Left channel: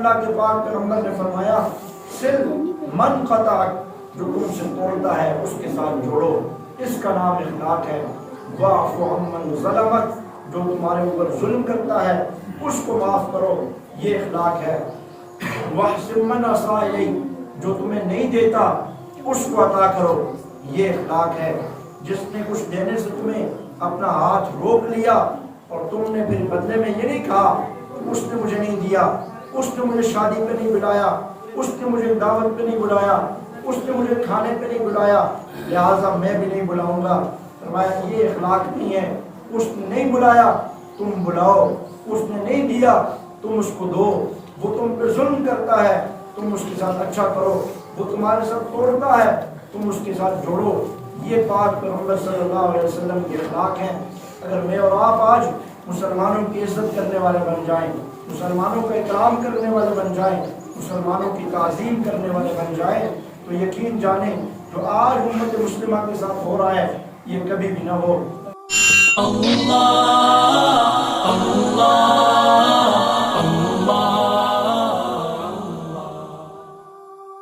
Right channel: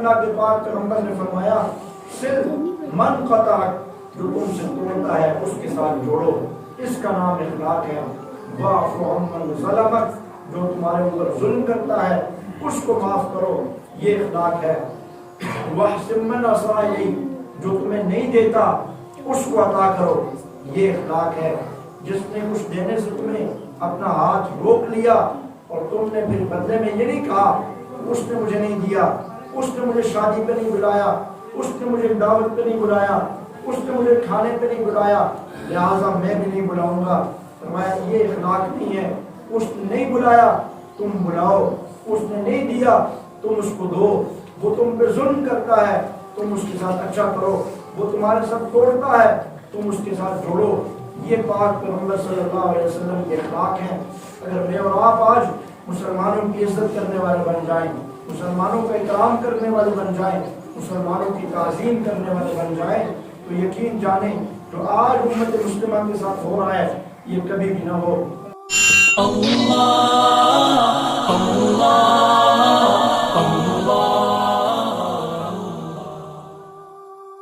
اللہ کے پاک پیغمبر نے فرمایا سل من قطعک، جو تم سے توڑتا ہے اس کے ساتھ جوڑو، اس کا نام اخلاق ہے۔ واعف عمن ظلمک، جو تمہارے اوپر ظلم کرتا ہے اس کو معاف کرو، یہ اخلاق ہے۔ واحسن من اساء الیک، جو تمہیں نہیں دیتا اس کو عطا کرو، یہ اخلاق ہے۔ جس نے کچھ دینے سے تمہیں اپنا ہاتھ روک لیا اور تم نے پھر بدلے میں یہ نہیں کہا اس نے مجھے نہیں دیا، اس نے مجھے شادی پہ نہیں بلایا، اس نے مجھے دعوت پہ نہیں بلایا، اس نے مجھے کھانے پہ نہیں بلایا، لہٰذا میں بھی نہیں بلاؤں گا، فرمایا یہ اخلاق نہیں ہے۔ اس نے نہیں بلایا تم بلاؤ، اس نے نہیں دیا تم اس کو دو، وہ تم پہ ظلم کرتا ہے تم اس کے ساتھ اچھا کرو، وہ تمہارے ساتھ توڑتا ہے تم اس کے ساتھ جوڑو، یہ پاک پیغمبر صلی اللہ علیہ وسلم کے اخلاق ہیں۔ اگر میں اور آپ آج مسلمانوں کی عزت کرنے والے بن جائیں، مسلمانوں کا اکرام کرنے والے بن جائیں، مسلمانوں کی تعظیم کرنے والے بن جائیں، تو یقین جانیں جو آج امت مسلمہ کے ساتھ ہو رہا ہے یہ کبھی بھی نہ ہو۔ اللہ اللہ